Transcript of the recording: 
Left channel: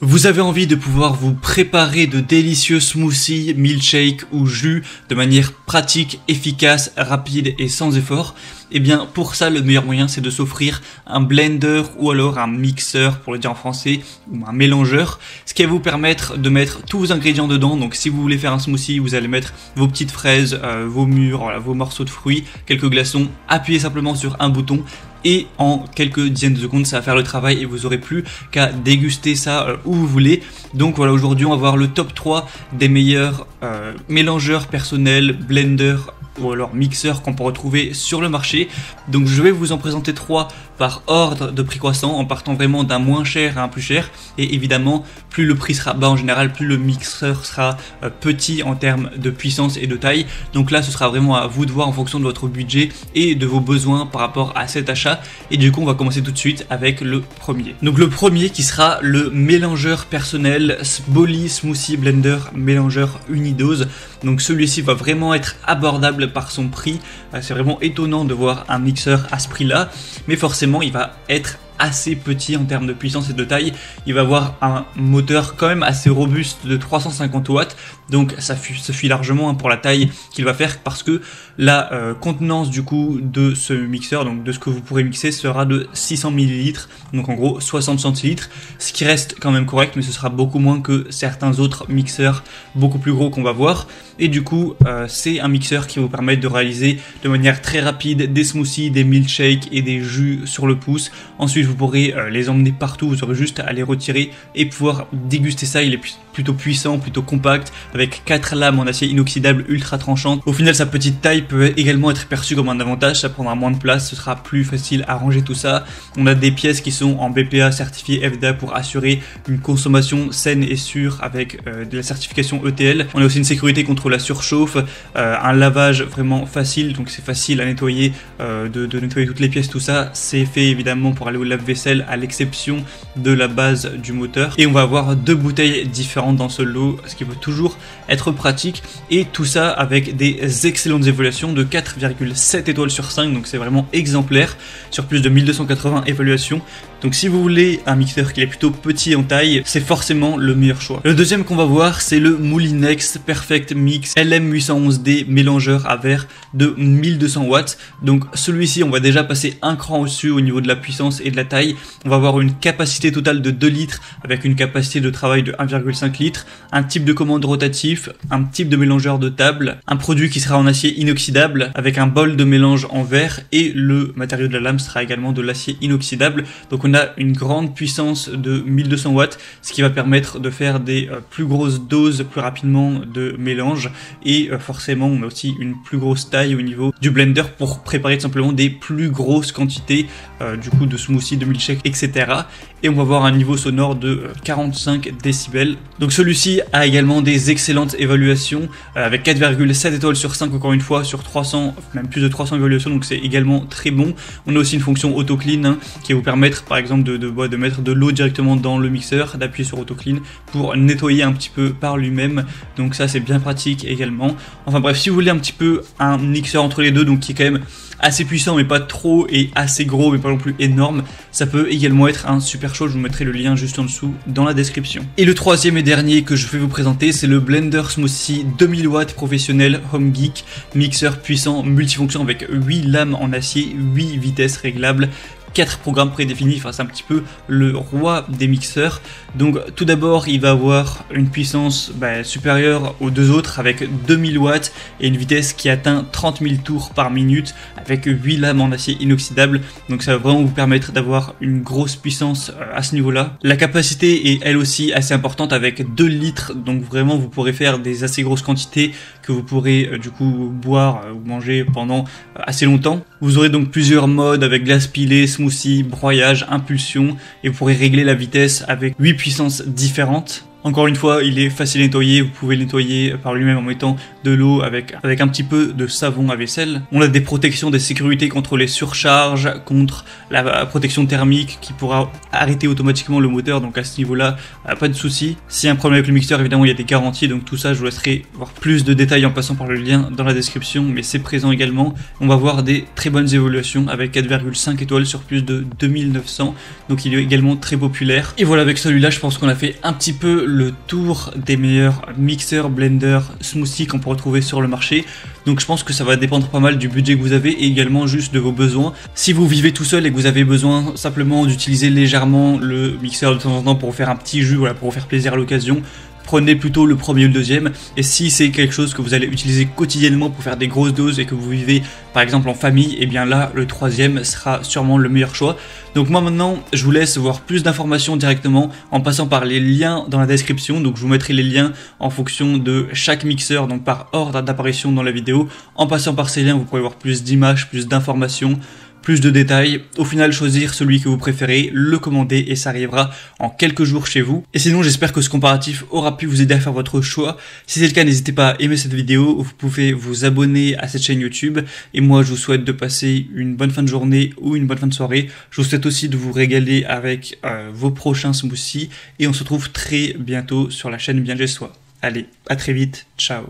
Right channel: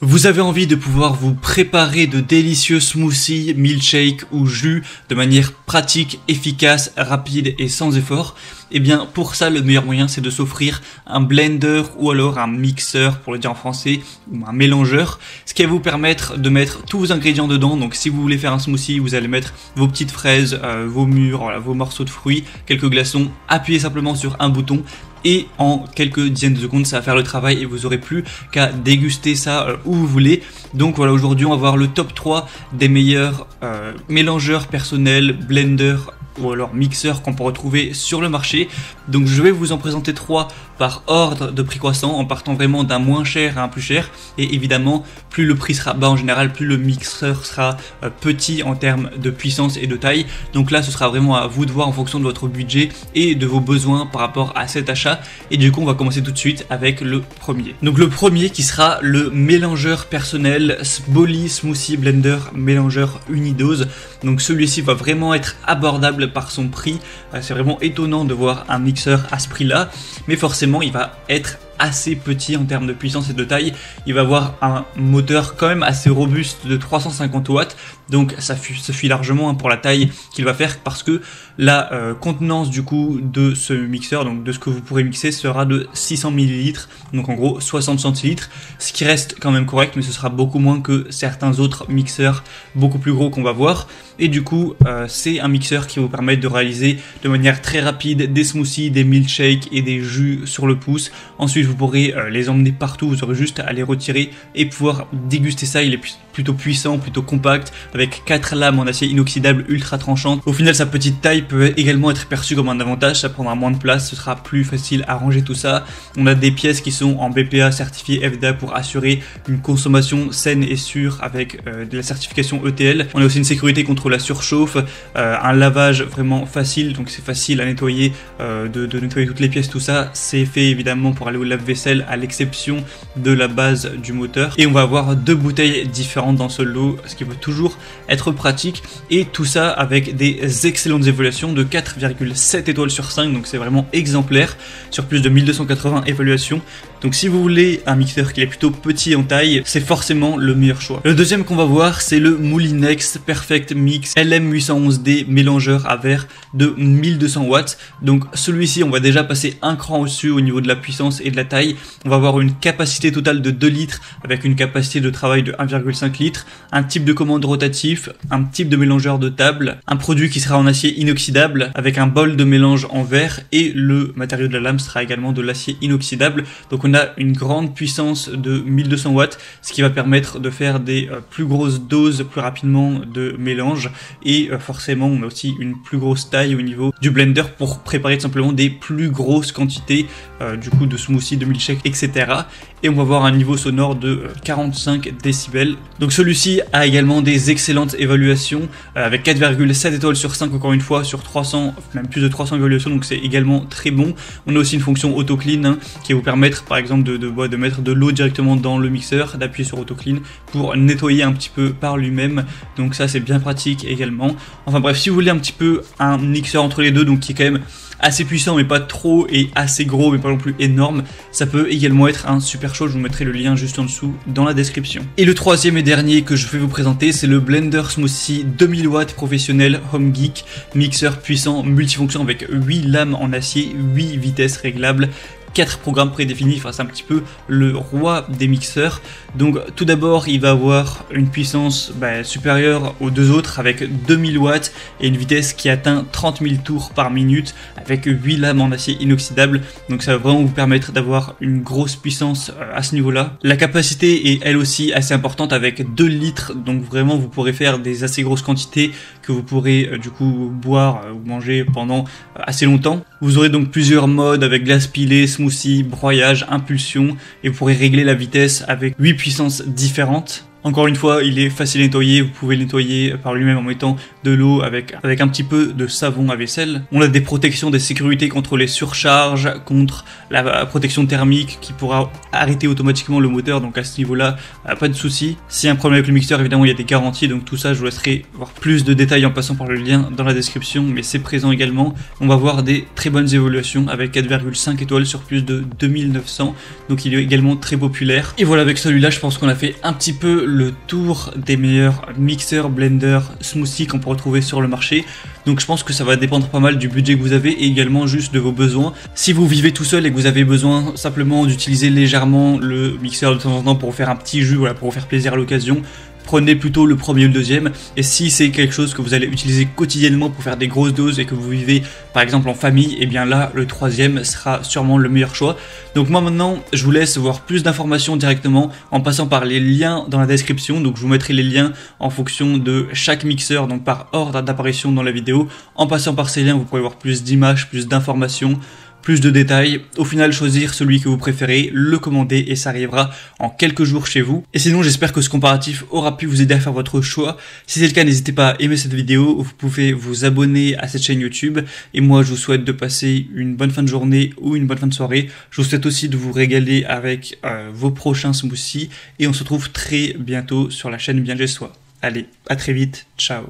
Vous avez envie de pouvoir vous préparer de délicieux smoothies, milkshakes ou jus de manière pratique, efficace, rapide et sans effort? Eh bien, pour ça, le meilleur moyen, c'est de s'offrir un blender ou alors un mixeur, pour le dire en français, ou un mélangeur, ce qui va vous permettre de mettre tous vos ingrédients dedans. Donc, si vous voulez faire un smoothie, vous allez mettre vos petites fraises, vos mûres, voilà, vos morceaux de fruits, quelques glaçons, appuyez simplement sur un bouton. Et en quelques dizaines de secondes, ça va faire le travail et vous aurez plus qu'à déguster ça où vous voulez. Donc voilà, aujourd'hui, on va voir le top 3 des meilleurs mélangeurs personnels, blenders ou alors mixeurs qu'on peut retrouver sur le marché. Donc je vais vous en présenter 3 par ordre de prix croissant, en partant vraiment d'un moins cher à un plus cher. Et évidemment, plus le prix sera bas en général, plus le mixeur sera petit en termes de puissance et de taille. Donc là, ce sera vraiment à vous de voir en fonction de votre budget et de vos besoins par rapport à cet achat. Et du coup, on va commencer tout de suite avec le premier. Donc le premier qui sera le mélangeur personnel Bolly Smoothie Blender Mélangeur Unidose. Donc celui-ci va vraiment être abordable par son prix. C'est vraiment étonnant de voir un mixeur à ce prix-là, mais forcément il va être assez petit en termes de puissance et de taille. Il va avoir un moteur quand même assez robuste de 350 watts, donc ça suffit largement pour la taille qu'il va faire, parce que la contenance du coup de ce mixeur, donc de ce que vous pourrez mixer, sera de 600 ml, donc en gros 60 centilitres, ce qui reste quand même correct, mais ce sera beaucoup moins que certains autres mixeurs beaucoup plus gros qu'on va voir. Et du coup, c'est un mixeur qui va vous permettre de réaliser de manière très rapide des smoothies, des milkshakes et des jus sur le pouce. Ensuite, vous pourrez les emmener partout, vous aurez juste à les retirer et pouvoir déguster ça. Il est plutôt puissant, plutôt compact, avec 4 lames en acier inoxydable ultra tranchant. Au final, sa petite taille peut également être perçue comme un avantage, ça prendra moins de place, ce sera plus facile à ranger tout ça. On a des pièces qui sont en BPA certifié FDA pour assurer une consommation saine et sûre avec de la certification ETL. On a aussi une sécurité contre la surchauffe, un lavage vraiment facile, donc c'est facile à nettoyer, de nettoyer toutes les pièces, tout ça. C'est fait évidemment pour aller au lave-vaisselle, à l'exception de la base du moteur. Et on va avoir 2 bouteilles différentes dans ce lot, ce qui peut toujours être pratique, et tout ça avec des excellentes évaluations de 4,7 étoiles sur 5, donc c'est vraiment exemplaire sur plus de 1280 évaluations. Donc si vous voulez un mixeur qui est plutôt petit en taille, c'est forcément le meilleur choix. Le deuxième qu'on va voir, c'est le Moulinex Perfect Mix LM811D mélangeur à verre de 1200 watts. Donc celui-ci, on va déjà passer un cran au-dessus au niveau de la puissance et de la taille. On va avoir une capacité totale de 2 litres avec une capacité de travail de 1,5 litres, un type de commande rotatif, un type de mélangeur de table, un produit qui sera en acier inoxydable avec un bol de mélange en verre, et le matériau de la lame sera également de l'acier inoxydable. Donc on a une grande puissance de 1200 watts, ce qui va permettre de faire des plus grosses doses plus rapidement de mélange, et forcément aussi une plus grosse taille au niveau du blender pour préparer tout simplement des plus grosses quantités du coup de smoothie, de milkshake, etc. Et on va voir un niveau sonore de 45 décibels. Donc celui-ci a également des excellentes évaluations avec 4,7 étoiles sur 5 encore une fois sur 300, même plus de 300 évaluations, donc c'est également très bon. On a aussi une fonction auto clean qui va vous permettre par exemple de mettre de l'eau directement dans le mixeur, d'appuyer sur auto clean pour nettoyer un petit peu par lui-même. Donc ça c'est bien pratique également. Enfin bref, si vous voulez un petit peu un mixeur entre les deux, donc qui est quand même assez puissant mais pas trop, et assez gros mais pas non plus énorme, ça peut également être un super chose. Je vous mettrai le lien juste en dessous dans la description. Et le troisième et dernier que je vais vous présenter, c'est le Blender Smoothie 2000 watts professionnel Home Geek, mixeur puissant multifonction avec 8 lames en acier, 8 vitesses réglables, 4 programmes prédéfinis. Enfin, c'est un petit peu le roi des mixeurs. Donc tout d'abord, il va avoir une puissance supérieure aux deux autres avec 2000 watts et une vitesse qui atteint 30 000 tours par minute avec 8 lames en acier inoxydable. Donc ça va vraiment vous permettre d'avoir une grosse puissance à ce niveau-là. La capacité est elle aussi assez importante avec 2 litres. Donc vraiment, vous pourrez faire des assez grosses quantités que vous pourrez du coup boire ou manger pendant assez longtemps. Vous aurez donc plusieurs modes avec glace pilée, smoothie, broyage, impulsion, et vous pourrez régler la vitesse avec 8 puissances différentes. Encore une fois, il est facile à nettoyer, vous pouvez nettoyer par lui-même en mettant de l'eau avec un petit peu de savon à vaisselle. On a des protections de sécurité contre les surcharges, contre la protection thermique qui pourra arrêter automatiquement le moteur, donc à ce niveau-là, pas de souci. S'il y a un problème avec le mixeur, évidemment il y a des garanties, donc tout ça je vous laisserai voir plus de détails en passant par le lien dans la description, mais c'est présent également. On va voir des très bonnes évaluations avec 4,5 étoiles sur plus de 2900, donc il est également très populaire. Et voilà, avec celui-là je pense qu'on a fait un petit peu le tour des meilleurs mixeurs, blenders, smoothies qu'on peut retrouver sur le marché. Donc je pense que ça va dépendre pas mal du budget que vous avez et également juste de vos besoins. Si vous vivez tout seul et que vous avez besoin simplement d'utiliser légèrement le mixeur de temps en temps pour faire un petit jus, voilà, pour vous faire plaisir à l'occasion, prenez plutôt le premier ou le deuxième. Et si c'est quelque chose que vous allez utiliser quotidiennement pour faire des grosses doses et que vous vivez par exemple en famille, et bien là le troisième sera sûrement le meilleur choix. Donc moi maintenant je vous laisse voir plus d'informations directement en passant par les liens dans la description. Donc je vous mettrai les liens en fonction de chaque mixeur, donc par ordre d'apparition dans la vidéo. En passant par ces liens vous pourrez voir plus d'images, plus d'informations, plus de détails, au final choisir celui que vous préférez, le commander et ça arrivera en quelques jours chez vous. Et sinon j'espère que ce comparatif aura pu vous aider à faire votre choix. Si c'est le cas, n'hésitez pas à aimer cette vidéo, vous pouvez vous abonner à cette chaîne YouTube et moi je vous souhaite de passer une bonne fin de journée ou une bonne fin de soirée. Je vous souhaite aussi de vous régaler avec vos prochains smoothies et on se retrouve très bientôt sur la chaîne Bien Chez Soi. Allez, à très vite, ciao.